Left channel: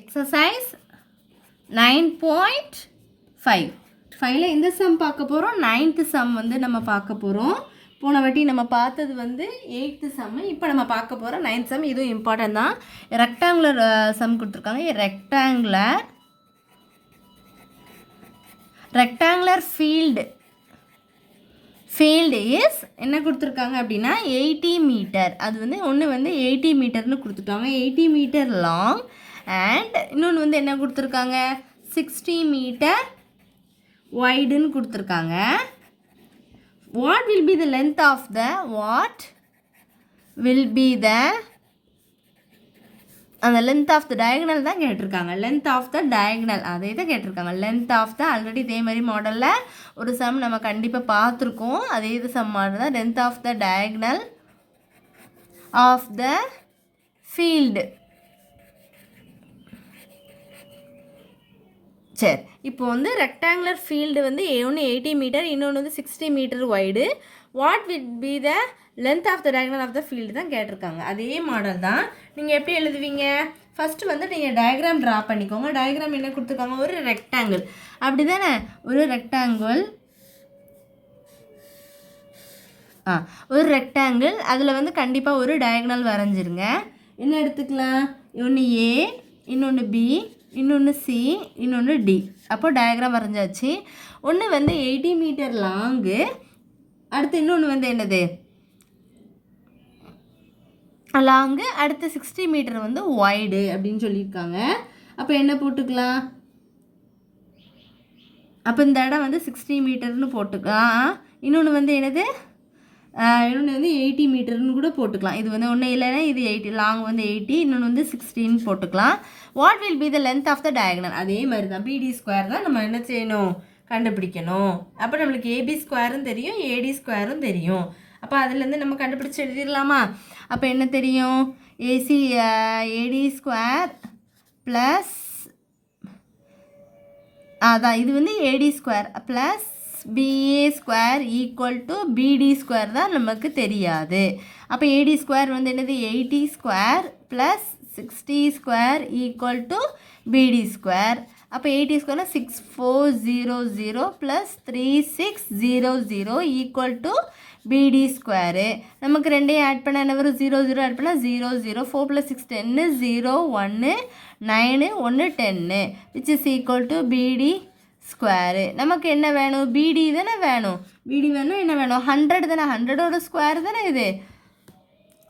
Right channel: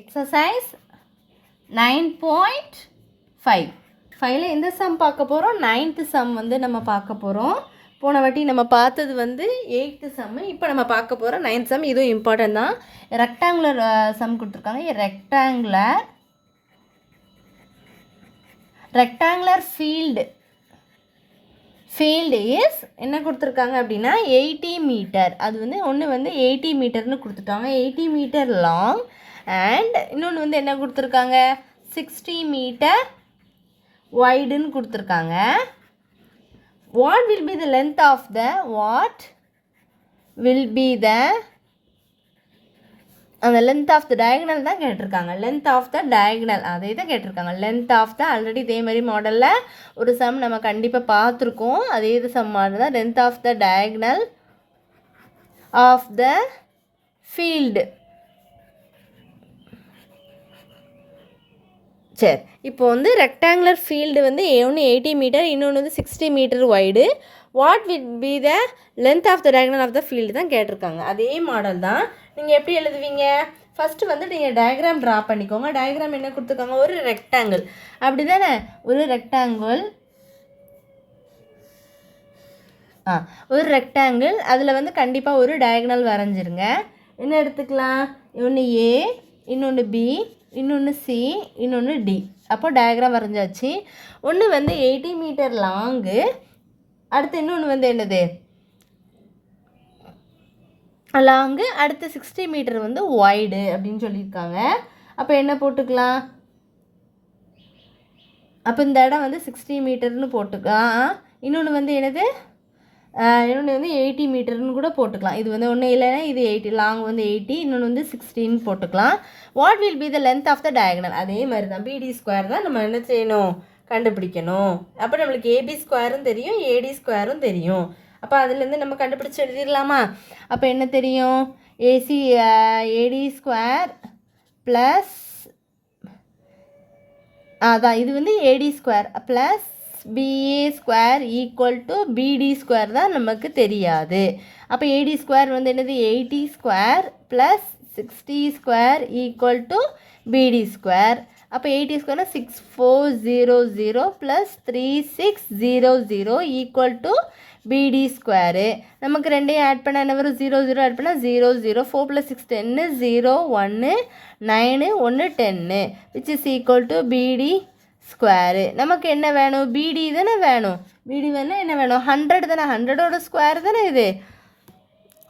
Exercise 9.5 ஃபைவ்ல எந்த some பார்க்க போகிறோம்? 9th சம் வந்து நம்ம பார்க்க போகிறோம். போன வாட்டி நம்ம பார்த்தது வந்து 8th சம். இப்போ நம்ம பார்க்க போகிறோம் 9th சம். இதுவும் இம்பார்ட்டன்ட் தான். ரெக்டாங்குலர் சம் கொடுத்துருக்காங்க. ரெக்டாங்குலர் ஃபீல்டு இஸ் என்ன கொடுத்துருக்காங்க அப்படின்னா 80 மீட்டர். அது வந்து ஒன்று வந்து 80 மீட்டர்னு கொடுத்துட்டாங்க. 80 மீட்டர் லாங் அண்ட் இன்னொன்று வந்து என்ன கொடுத்துருக்காங்க 60 மீட்டர் வைடுன்னு கொடுத்துருக்காங்க. What will be the length of the அந்த லென்த் ஆஃப் த டயகனல் தான் கேட்டிருக்காங்க. லென்த் ஆஃப் த டயகனல் அதே தான் கேட்டிருக்காங்க. லென்த் ஆஃப் த ஆல்ரெடி இதே மாதிரி மாடலில் ஒரு சம் நம்ம கண்டிப்பாக பார்த்துருக்கோம். அதே இது சம் மாதிரி தான். Length of the diagonal of the field. சரி, இப்போ வந்து ரெக்டாங்குலர் ஃபீல்டு வந்து ஒன்று 80 மீட்டர், இன்னொன்று வந்து 60 metre wide. What will be the length of the diagonal of the field தான் கேட்டிருக்காங்க. அதே மாடல் தான். நீங்கள் எப்படி எழுதுவீங்க? ஃபஸ்ட்டு வந்து நீங்கள் டயக்ராம் ட்ரா பண்ணிக்கோங்க. டயக்ராம் என்ன கொடுத்துருக்காங்க? ஒரு ரெக்டாங்கிள், அப்படி தானே? ஒரு ரெக்டாங்கிள் அதில் வந்து கண்டிப்பாக ஒரு டயகனல் வரைஞ்சிருங்க. என்ன எடுத்துக்கலாம்? ஒன்று ஏ, இன்னொன்று பி, இன்னொன்று சி, இன்னொன்று டி. அப்போ டயக்ராம் வரைஞ்சாச்சு. ஒன்று வந்து 80 மீட்டர் லாங்கு, அடுத்து இன்னொன்று வந்து என்னது லாங்கு, அடுத்து 60 மீட்டர் வந்து வைடு அப்படின்னு சொல்லியிருக்காங்க. அப்போ என்ன போட்டுக்கலாம்? அப்போ இந்த இடம் வந்து 60 மீட்டர்னு போட்டுக்கலாம். இன்னொன்று வந்து என்னது இன்னொன்று வந்து 80 மீட்டர்னு கூட போட்டுக்கலாம். இது வந்து ஒன்றும் இல்லைன்னா இது 80, லாங் வந்து 80, இன்னொன்று வந்து 16 போட்டுக்கலாம். What will be the length of the diagonal? அதே மாதிரி தான் பிடி ஸ்கொயர் தான் நம்ம என்ன செய்யணும்? கண்டுபிடிக்கணும். அப்போ நம்மளுக்கு ஏபி ஸ்கொயரும் தெரியும், ஏடி ஸ்கொயரும் தெரியும். அப்போ அதுலேருந்து நம்ம கண்டுபிடிச்சி எழுதிடலாமா? அப்போ என்ன தெரியும்? ஏடி ஸ்கொயர் ப்ளஸ் அதான் இது வந்து AD square plus BA square equal to BD square தான் நமக்கு தெரியாது. அப்போ ஏடி ஸ்கொயர் வந்து என்னது 80 square plus 60 square equal to BD square. அப்போ 80 ஸ்கொயர்னா 6400 plus 3600 equal to BD square. நமக்கு ரெண்டையும் ஆட் பண்ண என்ன வரும்? 00 ஆட் பண்ணால் 00. 4 + 6 10, 0 1 9 1 10 which is equal to BD square. நமக்கு என்ன வேணும்? பிடி தானே வேணும். பிடி வேணும் என்ன வேணும்? 100 தானே. 100ஓட ஸ்கொயர் தானே இது.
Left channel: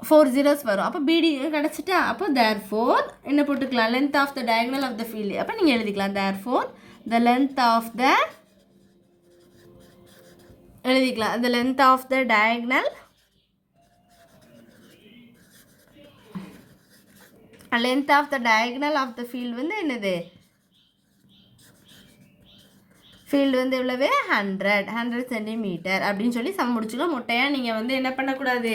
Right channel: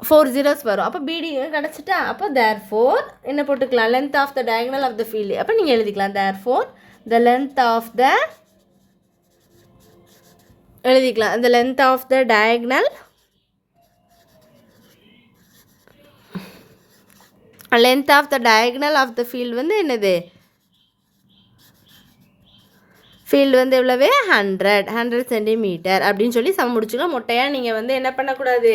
4 zeros வரும். அப்போ பிடி கிடச்சிட்டா. அப்போ தேர்ஃபோர் என்ன போட்டுக்கலாம்? Length of the diagonal of the field. அப்போ நீங்கள் எழுதிக்கலாம் therefore the length of the எழுதிக்கலாம். the length of the diagonal of the field வந்து என்னது? ஃபீல்டு வந்து எவ்வளவு? 100 சென்டிமீட்டர் அப்படின்னு சொல்லி சம் முடிச்சுக்கலாம். மொட்டையாக நீங்கள் வந்து என்ன பண்ணக்கூடாது?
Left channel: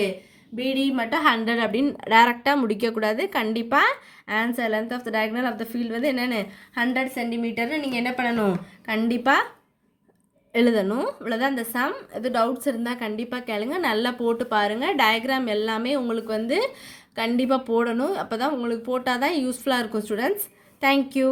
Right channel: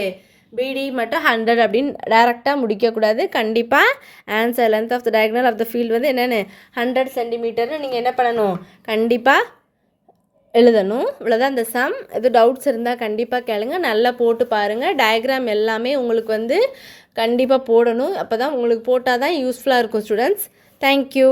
பிடி மட்டும் 100 அப்படின்னு டேரெக்டாக முடிக்கக்கூடாது. கண்டிப்பாக answer length of the diagonal of the field வந்து என்னென்னு 100 சென்டிமீட்டர்னு நீங்கள் என்ன பண்ணணும்? கண்டிப்பாக எழுதணும். இவ்வளோதான் இந்த சம். எது டவுட்ஸ் இருந்தால் கண்டிப்பாக கேளுங்க. நல்லா போட்டு பாருங்கள். டயக்ராம் எல்லாமே உங்களுக்கு வந்து கண்டிப்பாக போடணும். அப்போ தான் உங்களுக்கு போட்டால் தான் யூஸ்ஃபுல்லாக இருக்கும் ஸ்டூடெண்ட்ஸ். தேங்க்யூ.